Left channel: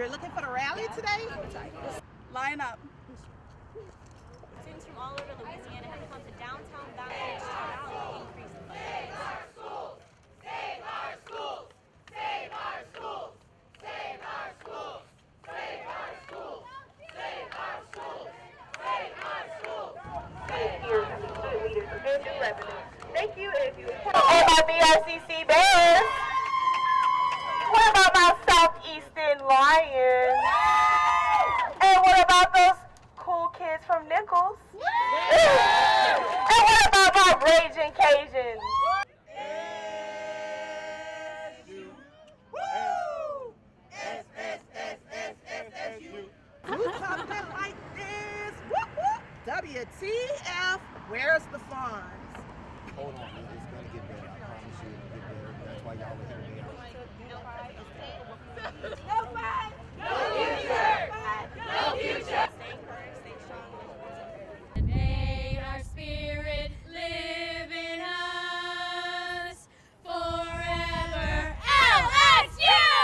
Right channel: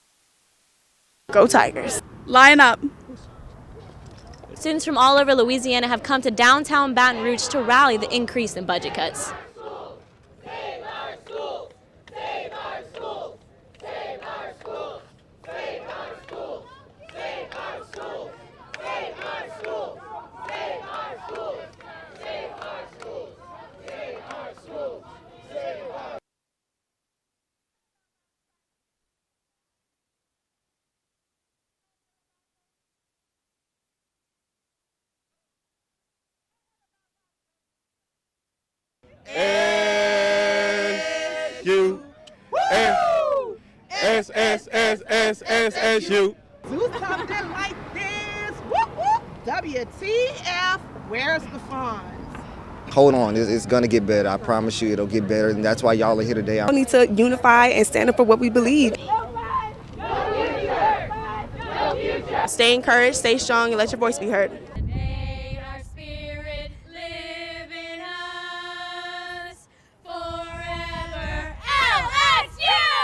You're looking for the rally today? Go Tigers. Line up. Students from all over Louisiana have come to downtown Baton Rouge to rally the increase in budget cuts. All my BRCC Bears. What about my Southeastern Lions? And what about those cool kids from Nichols? And what about my Raging Cajuns? S-U-S-S-S-S-S-U. Do something like this. Whoop, whoop. WTF, where's the funds? Hold on, it's gonna get better. I promise you it'll get better, and that's why y'all are here today. We need to unify and stand up for what we believe. No future. Stay encouraged, stay strong, and let your voice be heard.